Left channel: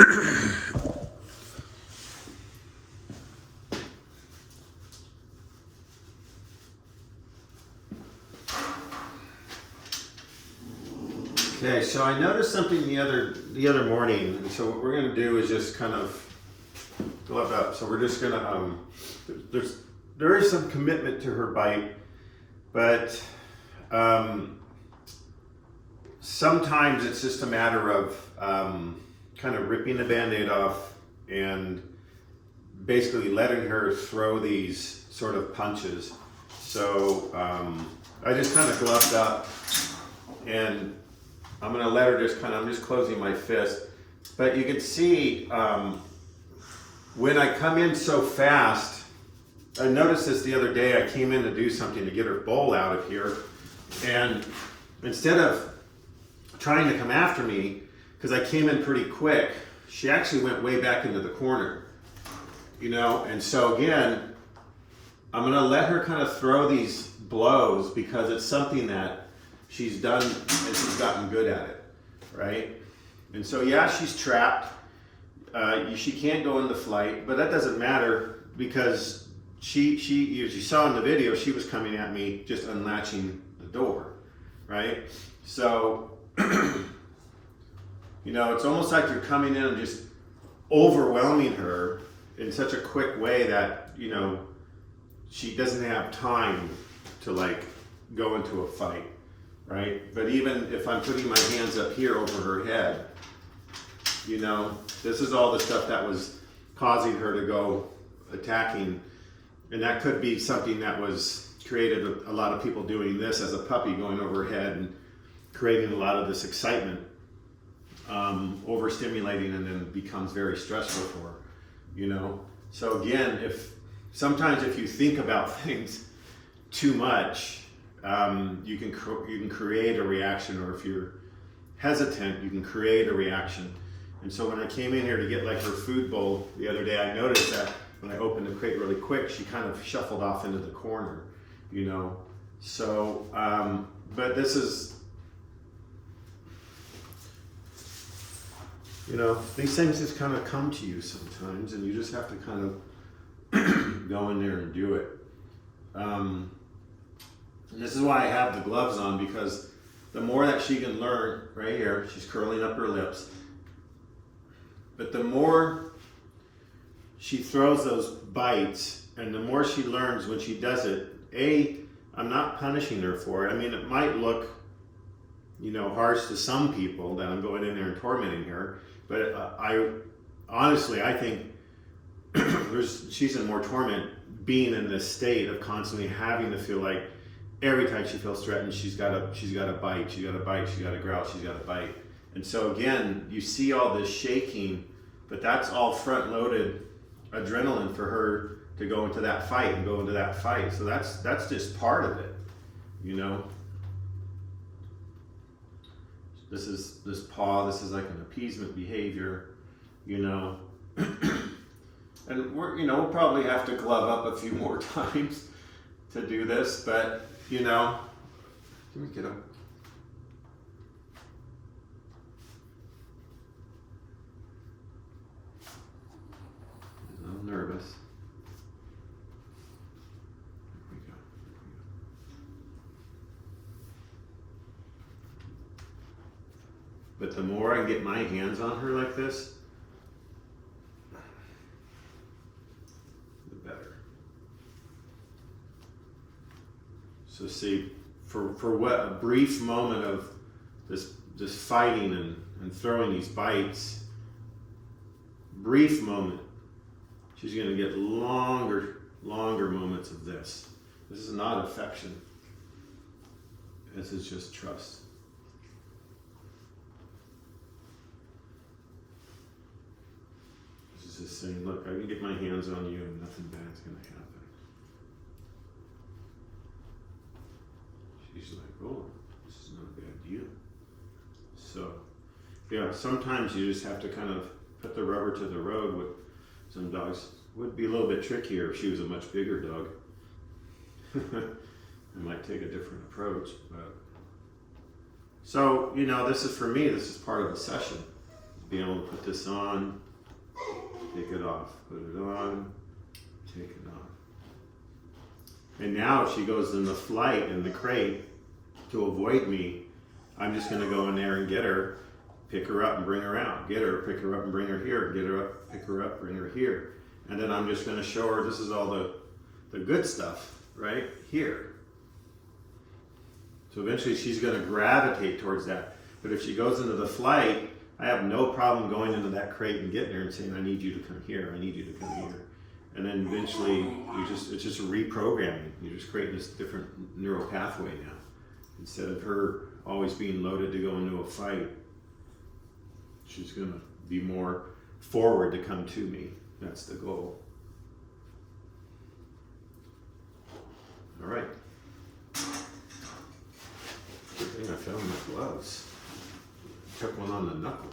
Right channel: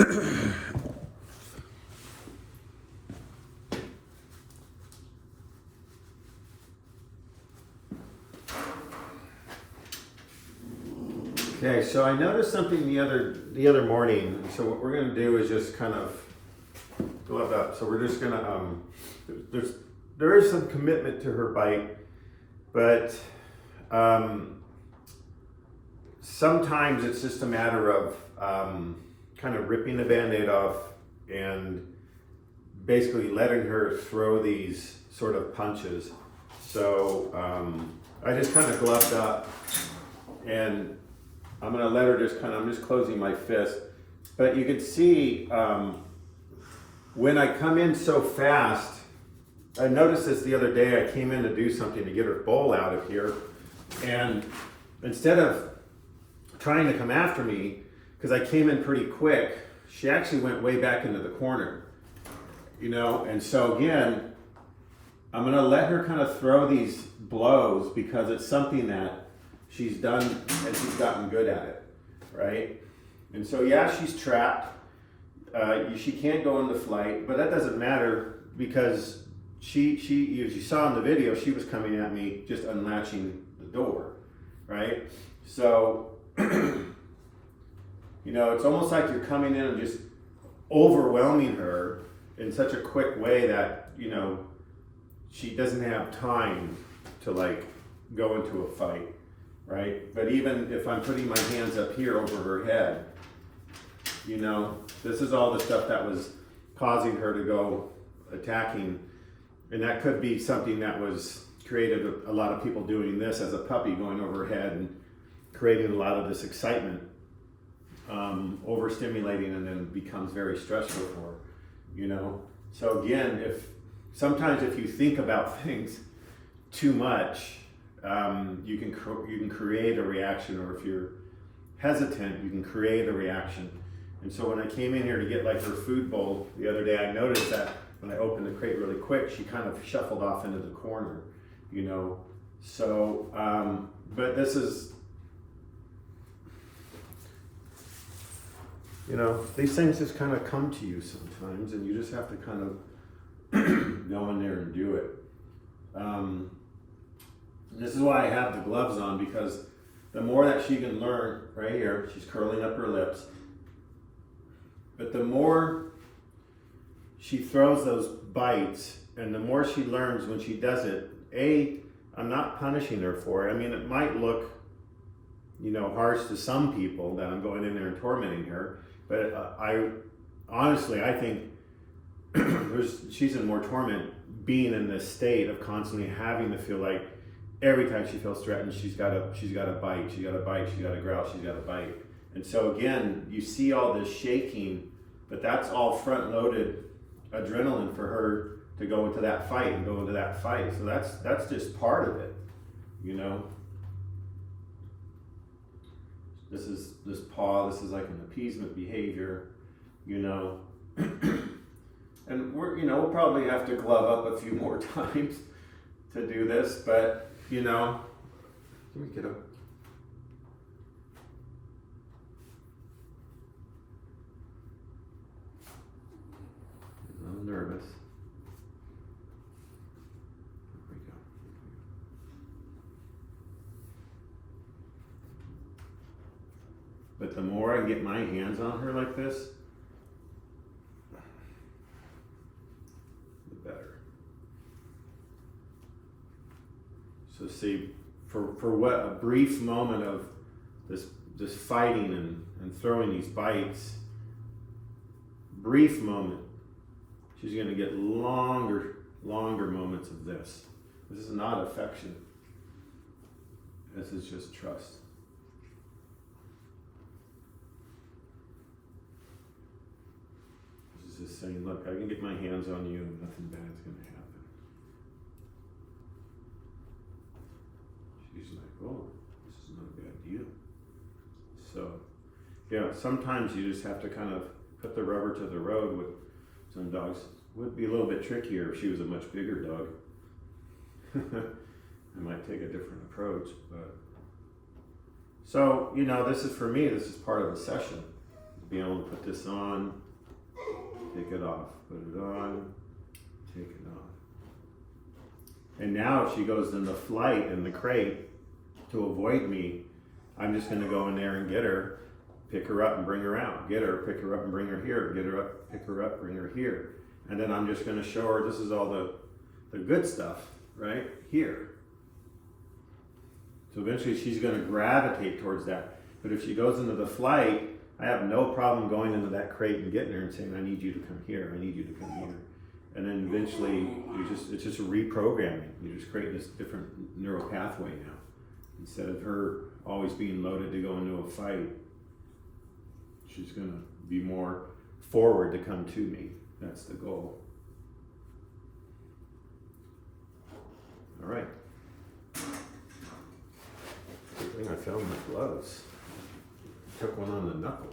Okay, so I noticed something the other morning. So what we're gonna do is just kind of glove up. So we're just gonna there is some commitment to her bite, but sometimes it's just a matter of kind of ripping the Band-Aid off and basically letting her throw these sort of punches. So I just kind of gloved up, and I'm gonna let her just I'm just closing my fist. But you can see when I come in so fast, I noticed this the other day. I came in to do something to get her bowl out of here, and instead of trying to come after me, because I came in pretty quick, she actually went way back into the corner, you know? And so again, I'm gonna let her kind of throw these blows because it's something that she's done and she's gotten good at it, right? And so yeah, she's trapped. She can't go into flight, but that doesn't matter because she, as you saw in the video, she was coming at me just unlatching the door, right? So, you know, it's almost like you're coming in and just overwhelming her in such a quick way that, you know, she doesn't have time to like go into a fight, right? But even if I'm putting my hands up here over her head, you know, this is all the stuff that was causing her to go attacking. And that could be something that was created a lot of people doing this as a puppy, going over her head and creating a lot of this excitement, overstimulating, and then becomes very stressful for her, you know? So again, sometimes if you think about things too much, you can create a reaction, or if you're hesitant, you can create a reaction. And so when I came in here to get like her food bowl the other day, I noticed that when I opened the crate really quick, she kind of shuffled off into the corner, you know? So, but this is, you know, these things just kind of come to you sometimes, and you just have to kind of go in there and do it. This is why I have the gloves on, because the more that she can learn, right here, she's curling up her lips, but the more she throws those bites and the more she learns when she does it, I'm not punishing her for it. I mean, it might look, you know, harsh to some people that I'm going in there and tormenting her, but I honestly think she's in more torment being in this state of constantly having to feel like every time she feels threatened, she's got to bite, she's got to growl, she's got to bite. And so again, you see all this shaking, but that's all front-loaded adrenaline for her to go into that fight and go into that fight. So that's just part of it, you know. This paw, this is like an appeasement behavior, you know. And we'll probably have to glove up a few more times to do this, but you know, let me get up. I'm nervous. Here we go. But the more I get my hands on her like this, the better. So see, for what a brief moment of this fighting and throwing these bites, brief moment, she's going to get longer moments of this. This is not affection. This is just trust. This is just saying, look, I can get my hands on you and nothing bad's going to happen. She's like, oh, this is not a bad deal. So, yeah, sometimes you just have to kind of put the rubber to the road with some dogs. Would be a little bit trickier if she was a much bigger dog. I might take a different approach, but so, you know, this is for me, this is part of the session. being able to put this on, take it off, put it on, take it off. And now if she goes in the flight in the crate, to avoid me, I'm just gonna go in there and get her, pick her up and bring her out. Get her, pick her up and bring her here. Get her up, pick her up, bring her here. And then I'm just gonna show her this is all the good stuff right here. So eventually she's gonna gravitate towards that. But if she goes into the flight, I have no problem going into that crate and getting her and saying, I need you to come here, I need you to come here. And then eventually it's just a reprogramming. You're just creating this different neural pathway now. Instead of her always being loaded to go into a fight, she's gonna be more forward to come to me. That's the goal. All right. Good thing I found my gloves. Took one on the knuckle.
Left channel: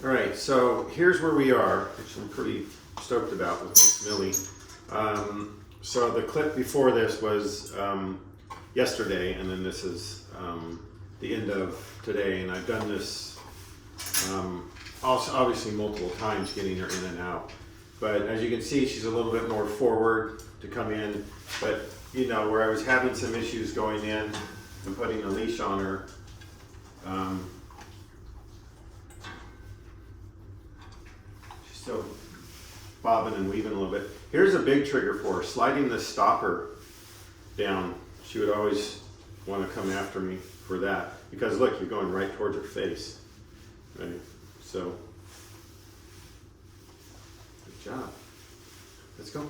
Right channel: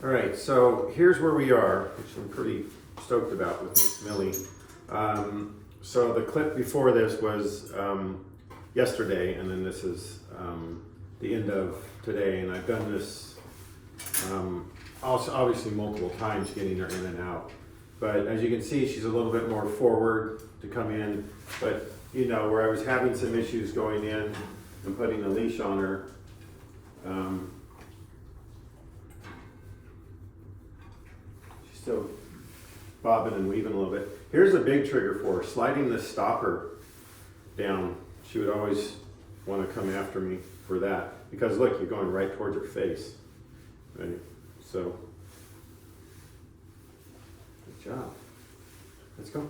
All right, so here's where we are, which I'm pretty stoked about with Miss Millie. So the clip before this was yesterday, and then this is the end of today, and I've done this also obviously multiple times, getting her in and out. But as you can see, she's a little bit more forward to come in, but you know, where I was having some issues going in and putting a leash on her, she's still bobbing and weaving a little bit. Here's a big trigger for her, sliding the stopper down. She would always want to come after me for that, because look, you're going right towards her face, right? So, good job. Let's go.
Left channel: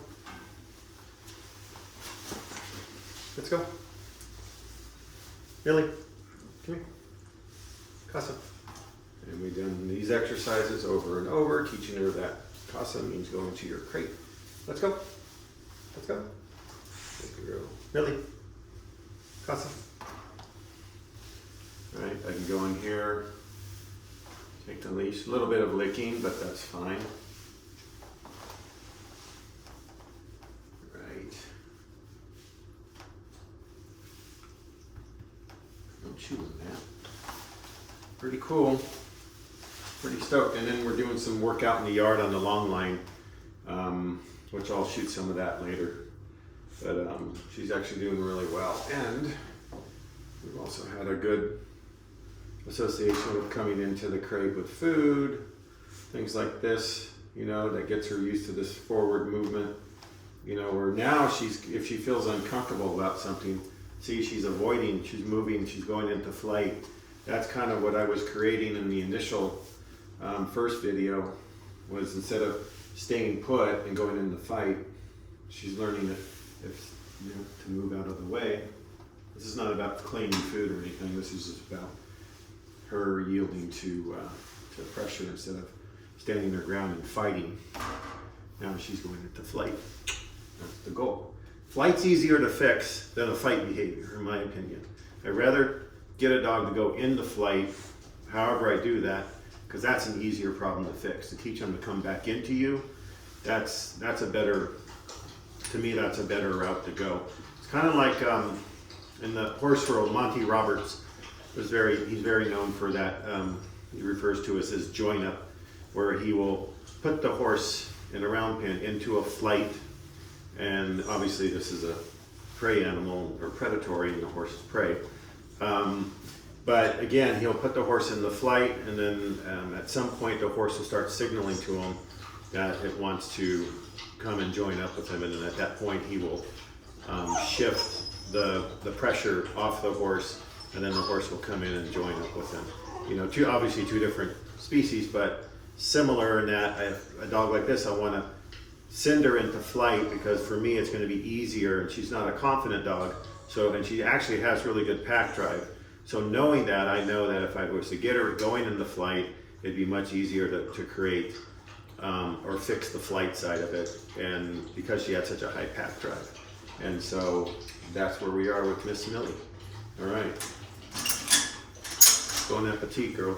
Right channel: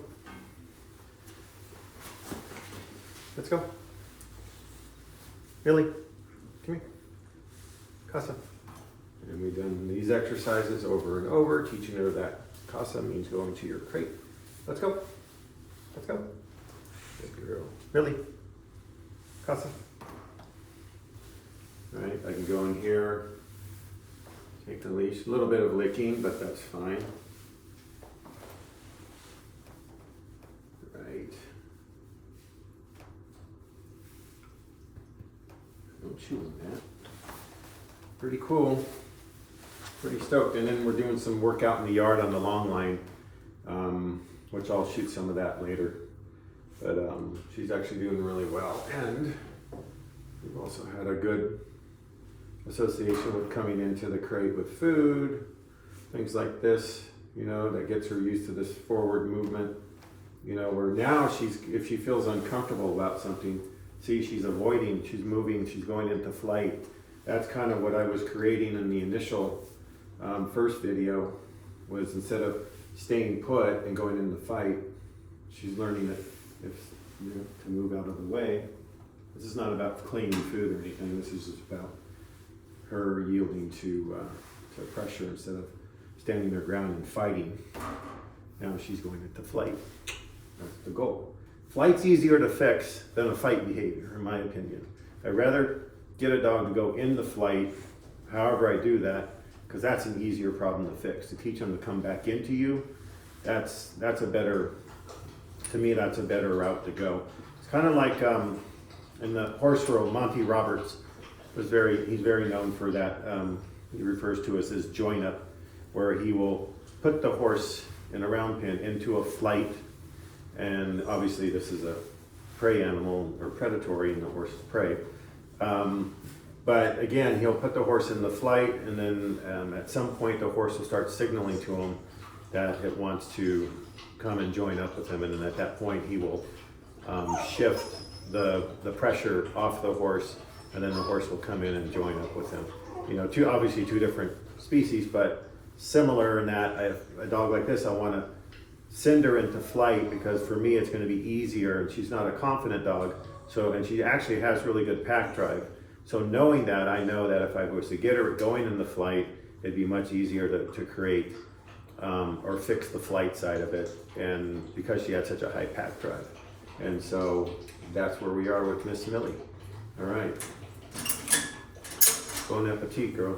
Let's go. Millie, come here. Casa. And we've done these exercises over and over, teaching her that casa means going to your crate. Let's go. Let's go. Good girl. Millie. Casa. All right, I can go in here, take the leash. A little bit of licking, but that's fine. Right. No chewing that. Pretty cool. Pretty stoked. And then we're doing some work out in the yard on the long line, which I'll shoot some of that later. But she's actually doing really well. And we've also had a good association with coming into the crate with food, things like this, you know, that gets her used to this forward movement. You know, where now if she feels uncomfortable about something, see, she's avoiding, she's moving, she's going into flight. That's kind of what I was creating in the initial first video, was instead of staying put and going into the fight, she's learning that if you know, to move out of the way. This is not about cleaning food or anything. This is just about her yielding to pressure instead of standing her ground and fighting. Now she's going into flight. That's the goal. Flight's easier to fix than a fight behavior, in my opinion. I'd rather get a dog to go into flight, however I do that, because that's an easier problem to fix. To teach them to come back into you, that's a better, to me, that's a better route to go. It's kind of like in the horse world, Monty Roberts he's very known for that. He refers to us as join up, where he will put the horse in a round pen into a flight, and obviously this is a prey animal or predatory, and the horse is prey. But again, he'll put the horse in the flight, and then at some point the horse will start signaling to him that it wants to come and join up with him, and then at that point he will shift the pressure off the horse, and then the horse will come in and join up with him. You know, obviously two different species, but similar in that I have a dog like this, I want to send her into flight because for me it's going to be easier, and she's not a confident dog, so, and she actually has really good pack drive. So knowing that, I know that if I was to get her going into flight, it'd be much easier to create or fix the flight side of it, and because she had such a high pack drive. And so that's where we are with Miss Millie. All right. Bon appetit, girl.